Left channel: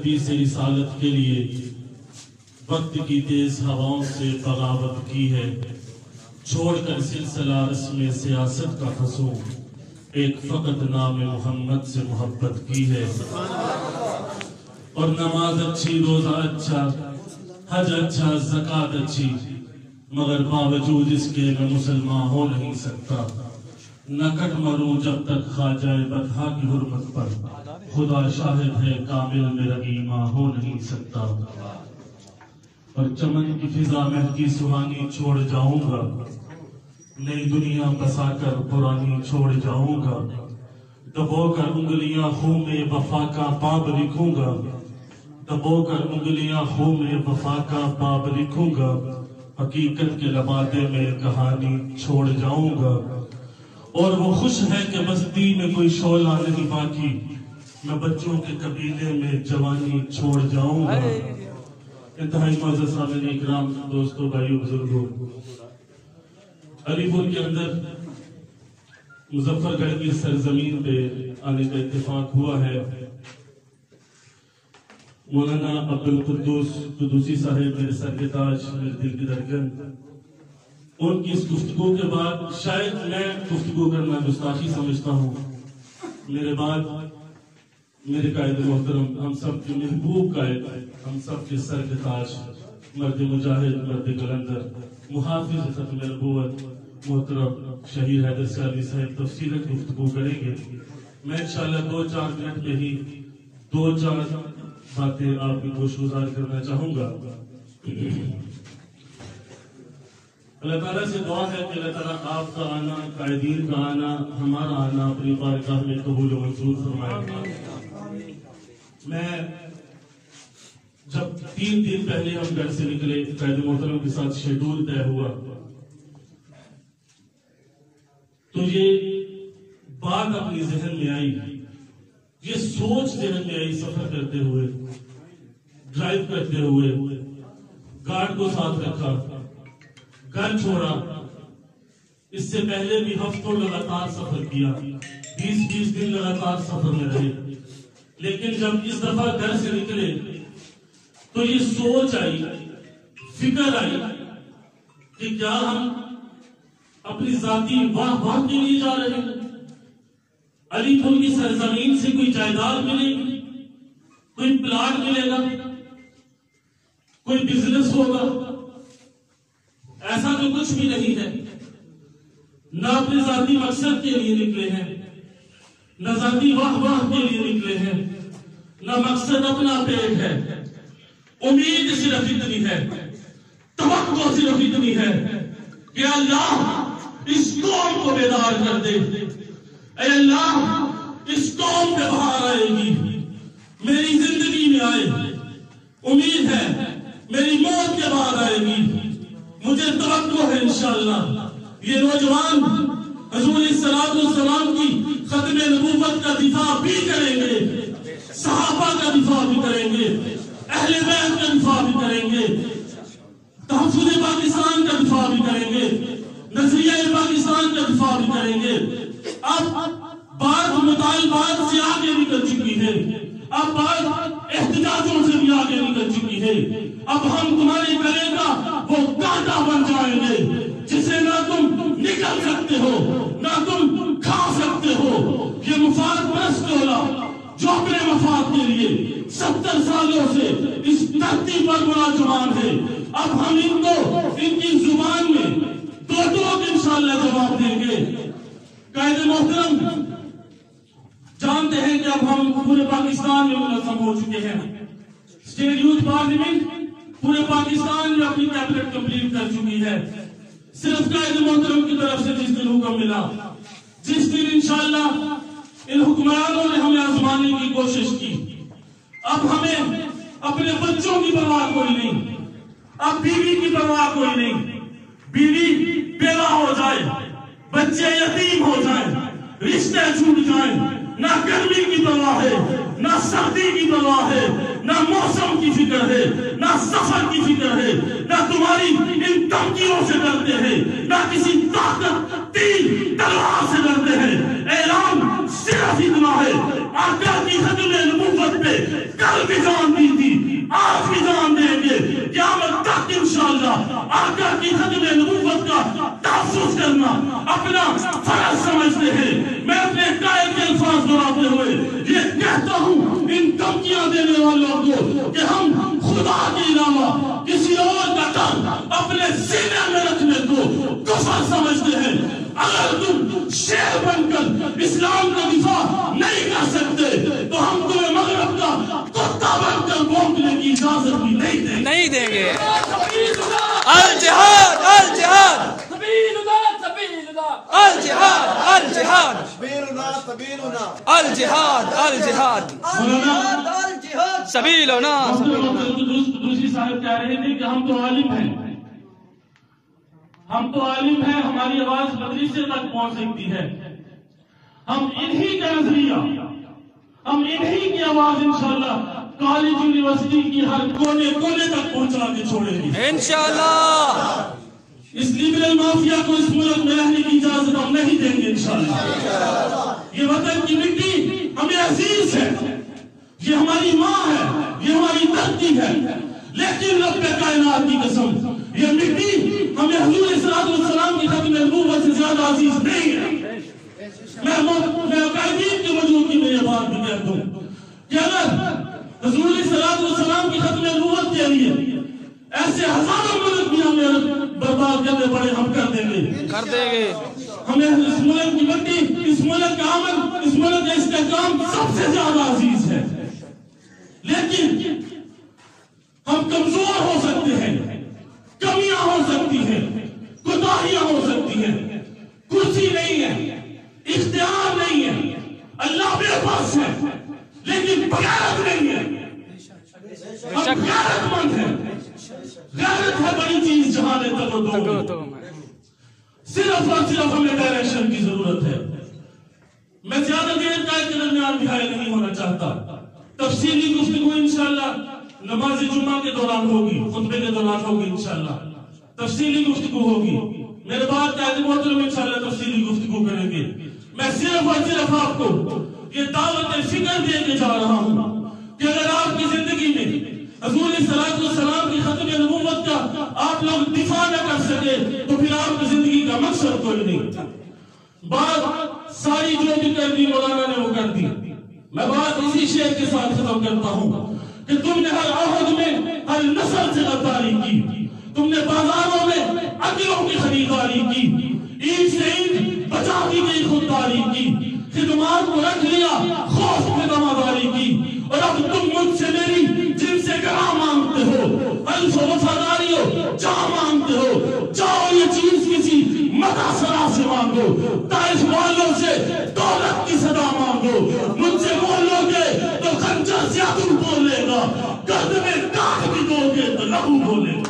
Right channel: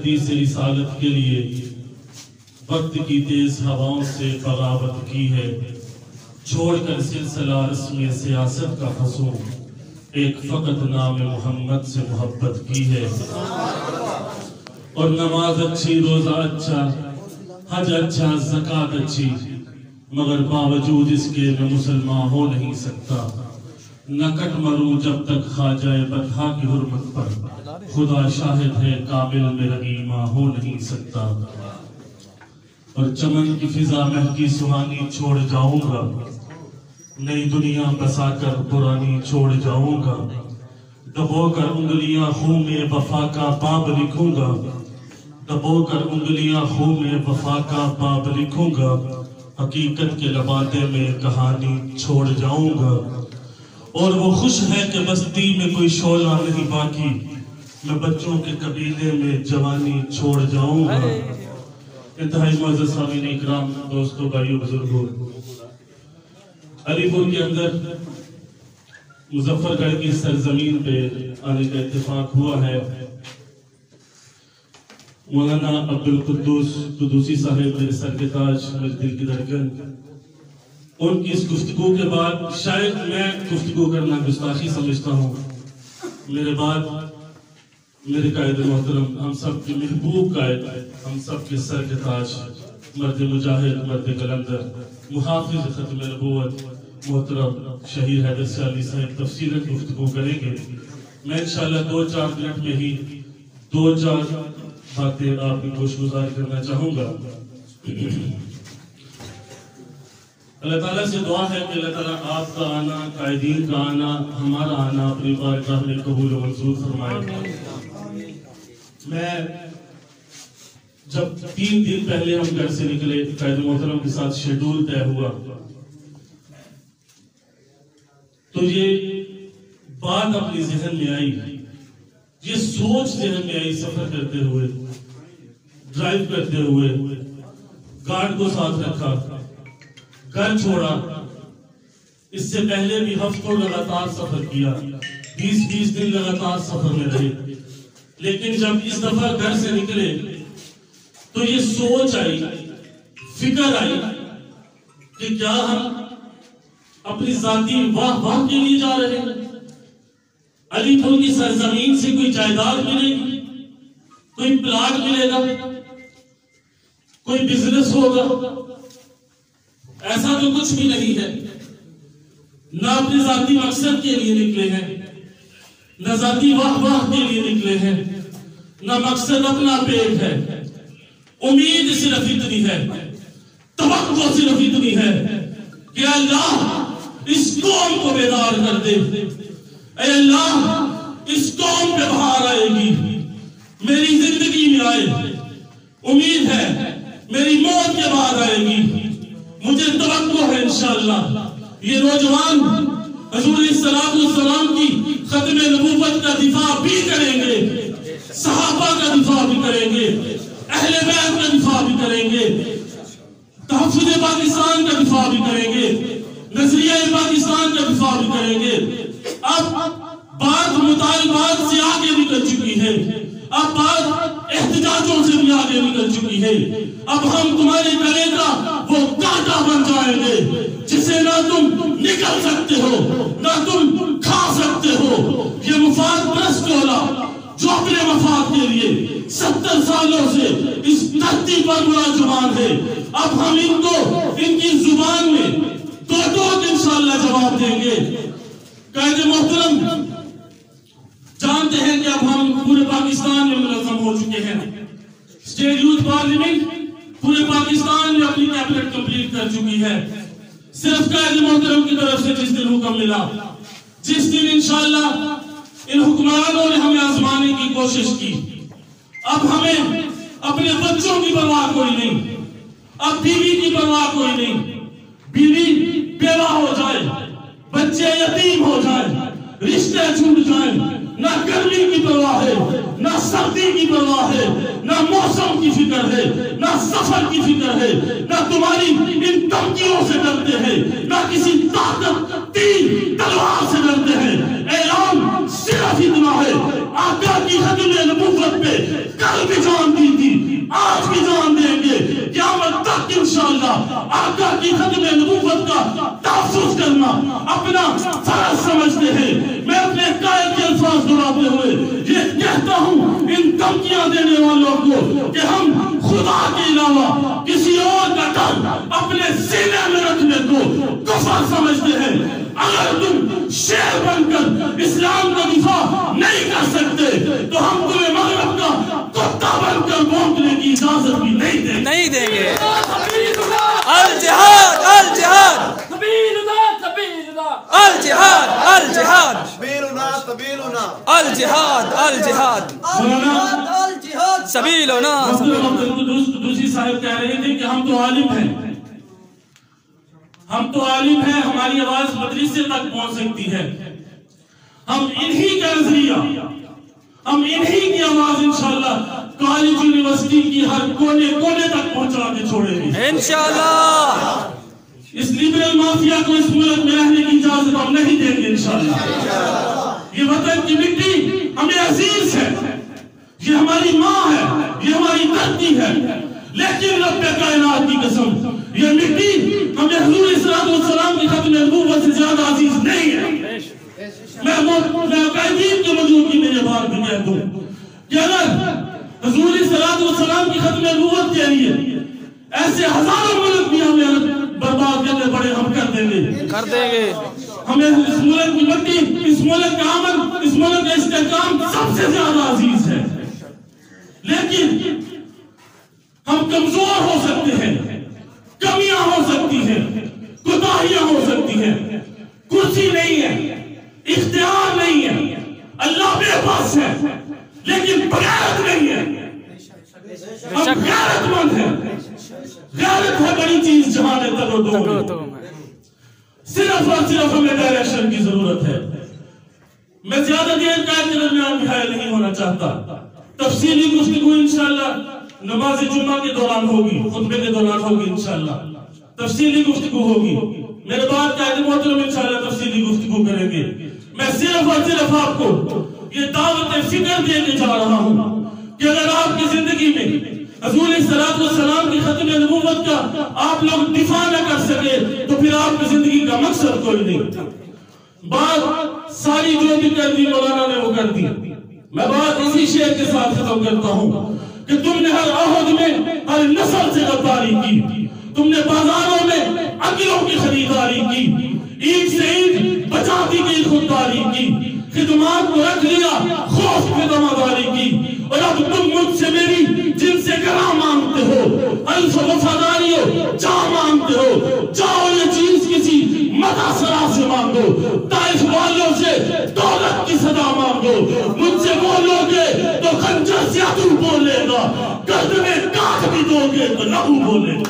تقدیس رسالت کے لیے وقت کی تیز ہواؤں سے بغاوت کی ہے، چھوڑ کر سلسلہ رسم سیاست کا حصول ایک فقط نام محمد سے محبت کی ہے۔ اور نماز اچھی، روزہ اچھا، حج اچھا، زکوٰۃ اچھی، مگر باوجود اس کے میں مسلمان ہو نہیں سکتا۔ نہ کٹ مروں جب تک خواجہ بطحا کی حرمت پر، خدا شاہد ہے کامل میرا ایمان ہو نہیں سکتا۔ اور چمن کی فضا مہکی سہانی چھوڑ جاؤں گا، نئی دنیا بسا کر پرانی چھوڑ جاؤں گا، دبو کر انگلیاں خون میں وفا کا باب لکھوں گا، دبو کر انگلیاں خون میں وفا کا باب لکھوں گا، حقیقت کے لبادے میں کہانی چھوڑ جاؤں گا۔ اور وہ خوش ہے کہ بستی میں کوئی شعلہ نہیں باقی، میں بچوں کے قبیلے میں جوانی چھوڑ جاؤں گا۔ انتہائی معزز سامعین اکرام، دوستو، بھائیو، بزرگوں، علی پور کے اندر مظفر گڑھ کی سرزمین پہ آنے کا اتفاق ہوا ہے۔ مولانا عبدالقدوس قدوسی صاحب میرے سر کے تاج، میرے دل کی دھڑکن، ان کی اس گفتگو کے بعد شاید میں گفتگو کرنا گستاخی سمجھتا ہوں، میرے بعد میرے قائد محترم، ہم سب کے محبوب قائد، ہم سب کے سر کے تاج، مرد مجاہد، مرد قلندر، محافظ ختم نبوت، محترم شہید حیدر سیالی صاحب تفصیلاً گفتگو کریں گے۔ میں انشاءاللہ 2-4 منٹ میں ہی 2-4 باتیں آپ کی گوش گزار کرنا چاہوں گا۔ اللہ تعالیٰ سے دعا ہے کہ اللہ تعالیٰ آپ کا آنا، قائدین کا آنا، ہمارا آنا اپنی بارگاہ میں قبول و منظور فرمائے۔ میں جب 3 دن پہلے ہم گھر سے نکلے، قائد محترم کے ساتھ شیڈول طے ہوا، تو یہ بات اپنی ذہن میں آئی، یہ سوچ ذہن میں آئی، سفر کرتے ہوئے، ڈرائیو کرتے ہوئے، گارڈ کو ساتھ رکھا، گھر چھوڑا۔ اس سے پہلے بھی ہفتوں لگاتار سفر کیا، 20 دن لگاتار سفر میں رہے، لیکن جب اس دفعہ گھر سے نکلے تو یہ سوچ آئی، فکر آئی کہ کیا ہم اپنی ذاتی واہ کے لیے جا رہے ہیں؟ علی پور کی سرزمین سے کوئی جائیداد ملے گی، کوئی پلاٹ ملے گا، کوئی بزنس ہوگا؟ ایسا تو کچھ بھی نہیں ہے۔ نہ اپنے ذاتی مقصد کے لیے نکلے ہیں، نہ ذاتی واہ کے لیے نکلے ہیں، نہ مقصد اپنا پیٹ ہے۔ امید صرف اتنی ہے، توقع صرف اتنی ہے کہ اللہ اس قوم کو بیدار کر دے، اے اللہ اس قوم پہ بہار آئے گی، میری زندگی میں آئے، امید ہے میری موت کے بعد آئے گی، مجھے توقع ہے انشاءاللہ یہ نوجوان حضور صلی اللہ علیہ وسلم کی ختم نبوت کا دفاع بھی کریں گے، صحابہ کا دفاع بھی کریں گے، اہل بیت کا دفاع بھی کریں گے، تحفظ پاکستان کا دفاع بھی کریں گے، نظریہ پاکستان کا دفاع بھی کریں گے۔ اب بات مطالبات سے آگے نکل چکی ہے، اب بات احتجاجوں سے بھی آگے نکل چکی ہے۔ اب ہم تمہارے گلے کا وہ کانٹا بن جائیں گے جسے نہ تم نکل سکتے ہو نہ تم کھا سکتے ہو۔ یہ مفاد پرست ٹولہ جو اپنے مفاد کے لیے 70 سالوں سے اس دھرتی پر مراجعان ہے، اب ہم ان کو ان کی زبان میں دو انشاءاللہ جواب دیں گے۔ قائد محترم جانتے ہیں کہ اب ہم پورے پاکستان میں منظم ہو چکے ہیں، اسٹیٹ یوتھ پارلیمنٹ پورے پاکستان میں اپنی کیبنٹ کمپلیٹ کر چکی ہے۔ صرف قائد محترم کی طرف سے جس دن حکم ملا، جس دن انشاءاللہ ان حکمرانوں نے ہمیں آزمانے کی کوشش کی، اب ہمیں اپنے بچوں کی پرواہ کوئی نہیں، اب بیوی کی پرواہ کوئی نہیں، بیوی بیوہ ہو جائے، بچے یتیم ہو جائیں، رشتے چھوٹ جائیں، نہ گرمی کی پرواہ ہے، نہ سردی کی پرواہ ہے، نہ موسم کی فکر ہے، نہ سفر کی فکر ہے، نہ تمہاری ان دھمکیوں سے ڈرتے ہیں، نہ کسی طاقت تیر تلوار سے ڈرتے ہیں۔ اعلان صرف اتنا ہے، آقا کی ختم نبوت پہ کل بھی جان دی تھی، آج بھی جان دیں گے، قیامت تک انشاءاللہ آقا کی ختم نبوت کا تحفظ کرنا اپنا فرض سمجھتے ہیں۔ میں اپنے قائد کے الفاظ دہراتے ہوئے یہ کہتا ہوں ان دھمکیاں دینے والوں کو کہ ہم خدا کے علاوہ کسی اور کا کام اپنے سینے میں رکھنے کو کفر سمجھتے ہیں۔ اگر تم شیر بن کر اسلام کا دفاع نہیں کر سکتے تو ہم تمہیں مغرب کا کتا بن کر بھونکنے کی اجازت بھی نہیں دیں گے۔ الجہاد الجہاد الجہاد الجہاد الجہاد الجہاد سبیلنا۔ دوسری صاحب کہہ رہے تھے کہ ہم تو عالم ہیں، ہم تو عالم ہیں، ہماری آواز مدرسے تک پہنچ سکتی ہے، ہم انہی کا نظریہ، ہم انہی کی آواز انشاءاللہ کالج یونیورسٹی کی ہر کونے کونے تک پہنچا کے چھوڑیں گے انشاءاللہ۔ اس لیبرل مافیا کو اس ملک میں رہنے کی اجازت ہم نہیں دیں گے انشاءاللہ۔ یہ وطن کی مٹی ہمیں عزیز ہے، یہ ہماری ماں ہے، یہ ہماری دھرتی ہے، لیکن رب کائنات کی قسم یہ مٹی ہمیں حضور صلی اللہ علیہ وسلم کی ختم نبوت سے زیادہ عزیز نہیں ہے۔ میں قائدین کے موجودگی میں یہ بات بھی کہہ دوں کہ اگر حضور صلی اللہ علیہ وسلم کی ختم نبوت کے لیے ایسے ہزاروں ملک بھی ہمیں برباد کرنے پڑے ہم کر دیں گے۔ ہمیں اس ملک کی مٹی، اس ملک کا امن، اس ملک کا استحکام سب سے زیادہ عزیز ہے، لیکن ہم کمزور ہو سکتے ہیں، کمیاں ہو سکتی ہیں، کوتاہیاں ہو سکتی ہیں، کرسی نہیں ہے، اختیار نہیں ہے، اللہ بے بس ہے لیکن بغیرت نہیں ہے۔ ہم غیرت مند ہیں، غیرت ہے بڑی چیز جہاں نے صرف اور صرف ہمیں ڈائریکشن کی ضرورت ہے۔ میں زیادہ دیر قائد کے درمیان بھی حائل نہیں ہونا چاہتا، تفصیلی گفتگو انشاءاللہ نماز جمعہ کے دوران ہوگی، خطبے کے دوران ہوگی انشاءاللہ، تفصیلی گفتگو ہوگی، میرے بعد قائد محترم انشاءاللہ تفصیلی گفتگو کریں گے۔ میں صرف اور صرف آپ کو یہ دعوت فکر دے کے جا رہا ہوں کہ اگر آپ کی زندگی میں حضور صلی اللہ علیہ وسلم کی ختم نبوت کا آپ لوگ دفاع نہ کر سکے تو پھر آپ کی زندگی کا مقصد کوئی نہیں۔ بات ساری جو بھی کر دی مولانا نے وہ کر دی، میں بات اسی شعر کے ساتھ ختم کرتا ہوں کہ تم نے ہر عہد میں ہر نسل سے غداری کی، تم نے بازاروں میں عقلوں کی خریداری کی، عید سے عید بچاتی کی خودداری کی، خدمات کو رکھ لیا خوف میں دماداری کی، اور اب تم مجھ سے میری جن سے کرا مانگتے ہو، الف وفاداری ہو جا مانگتے ہو، جاؤ یہ چیز کسی مدہ سرا سے مانگو، طائف والوں سے دولت کی صدا مانگو، مجھ سے بولو گے تو خنجر سے عدو بولے گا، گرد میں کاٹ بھی دو گے تو لہو بولے گا۔